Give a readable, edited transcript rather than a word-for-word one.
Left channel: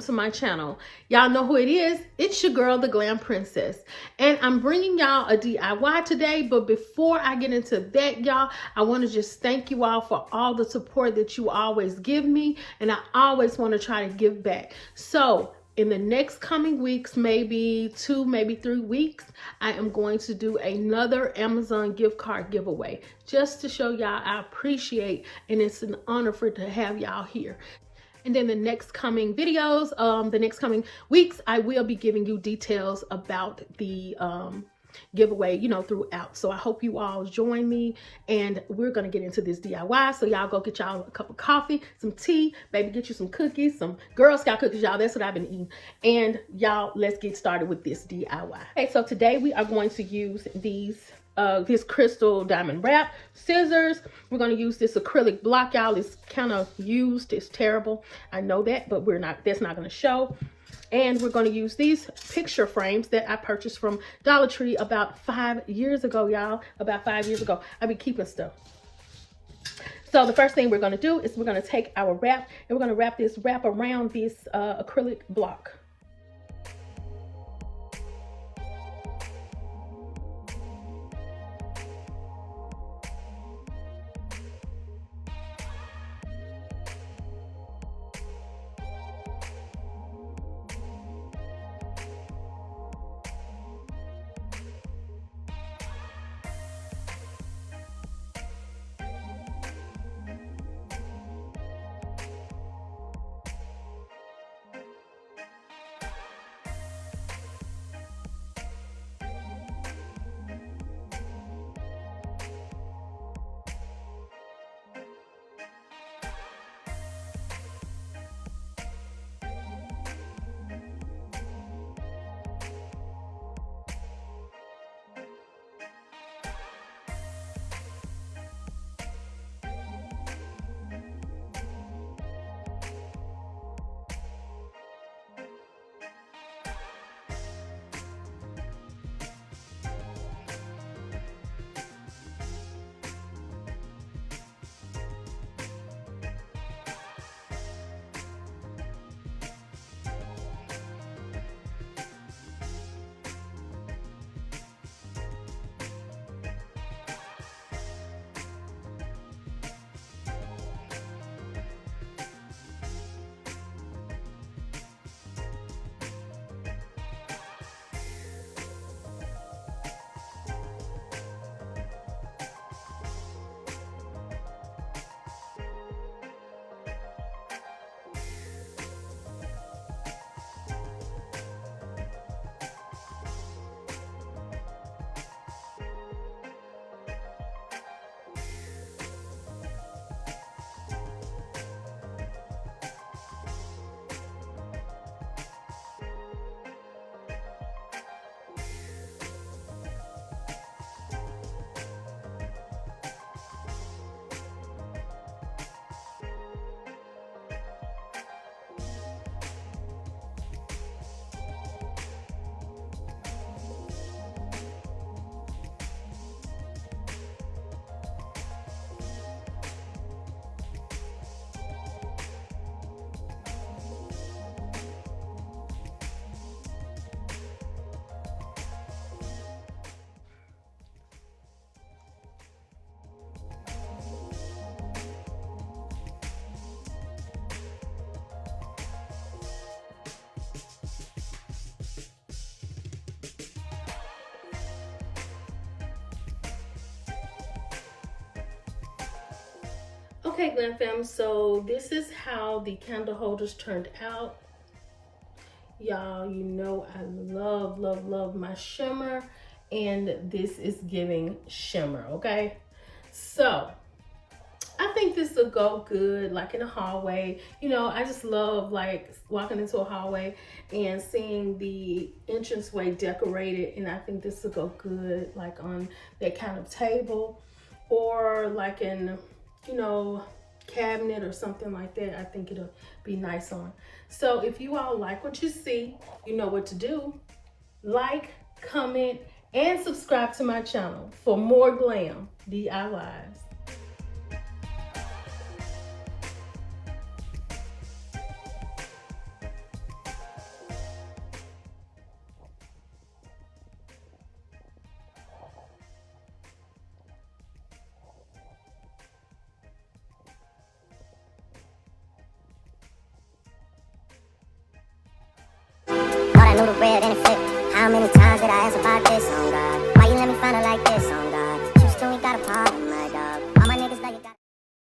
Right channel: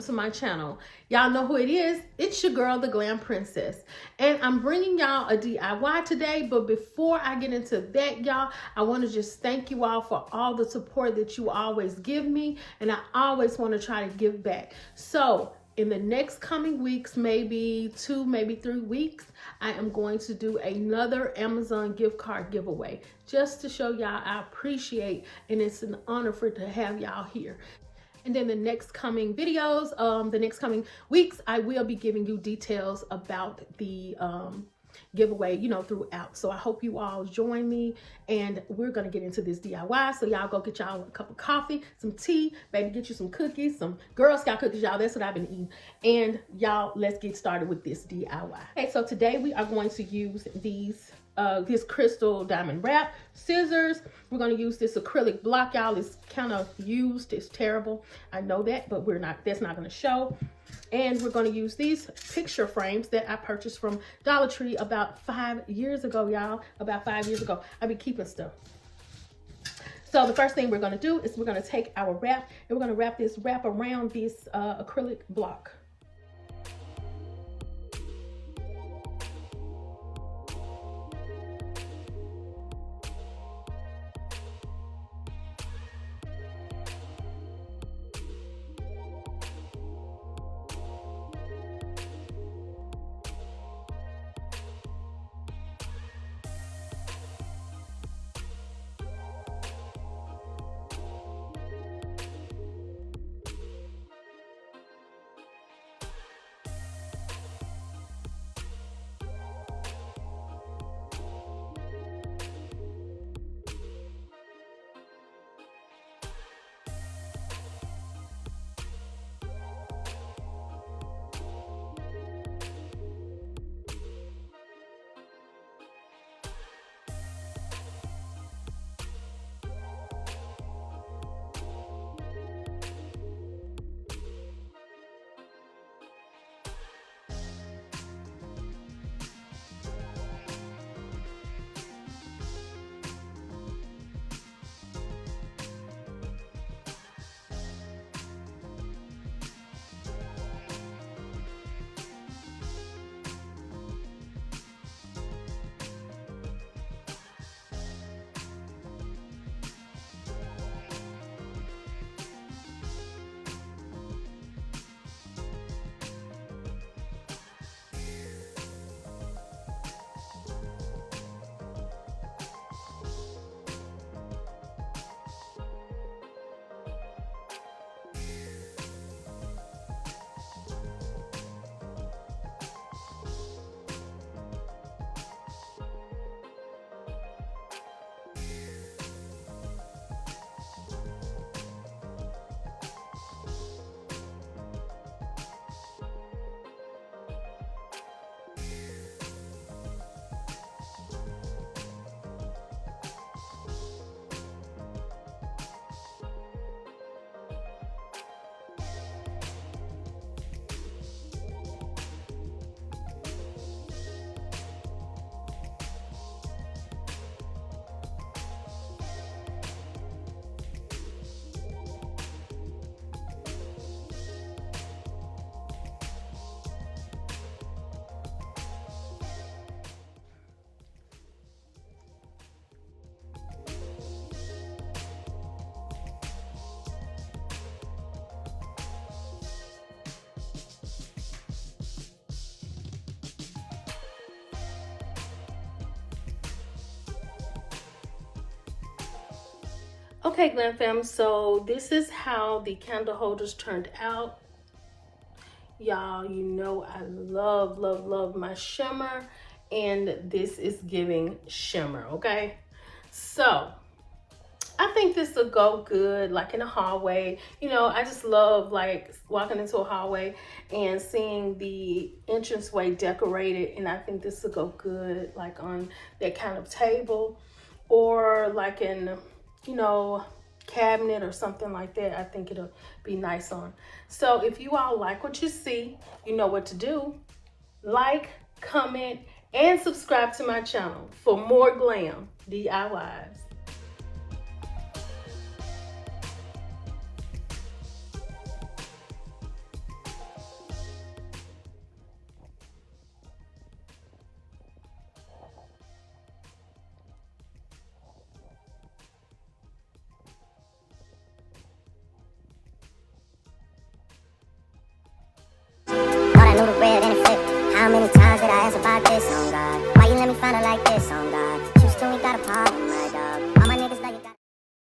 welcome to my channel. Y'all know who it is. It's your girl, the Glam Princess. And I'm bringing y'all a DIY today, but before I get into that, y'all, I want to just thank you all for all the support that you always give me, and I always want to try to give back. So in the next coming weeks, maybe 2, maybe 3 weeks, I am going to do another Amazon gift card giveaway just to show y'all I appreciate, and it's an honor to have y'all here. And then the next coming videos, the next coming weeks, I will be giving you details about the giveaway, throughout. So I hope you all join me, and we're gonna get into this DIY. So y'all go get y'all a cup of coffee, some tea, maybe get you some cookies, some Girl Scout cookies, y'all. That's what I've been eating. And y'all, let's get started with this DIY. Okay, so today we are going to use these this crystal diamond wrap, scissors. We're going to use this acrylic block, y'all. It's kind of used, it's terrible, I know that, but that's not going to show. And we're going to use these picture frames that I purchased from Dollar Tree about 5 years ago, y'all. About 5 years ago. I've been keeping stuff. So the first thing we're going to do is we're going to take our wrap, and we're going to wrap around this acrylic block. Okay, Glam Fam, so this is how the candle holders turned out. Y'all, you know I love, love, love my shimmer, and this is giving shimmer, okay? So I think this will go good like in a hallway. I just love like walking into a hallway and seeing the entranceway decorated, and I think this will go good like on that kind of table, or like in cabinet or something like that. I think it'll be nice on. So if you all like what you see, you know what to do. Like, comment, and subscribe to my channel for more glam DIYs. noodle red and it flip. How many times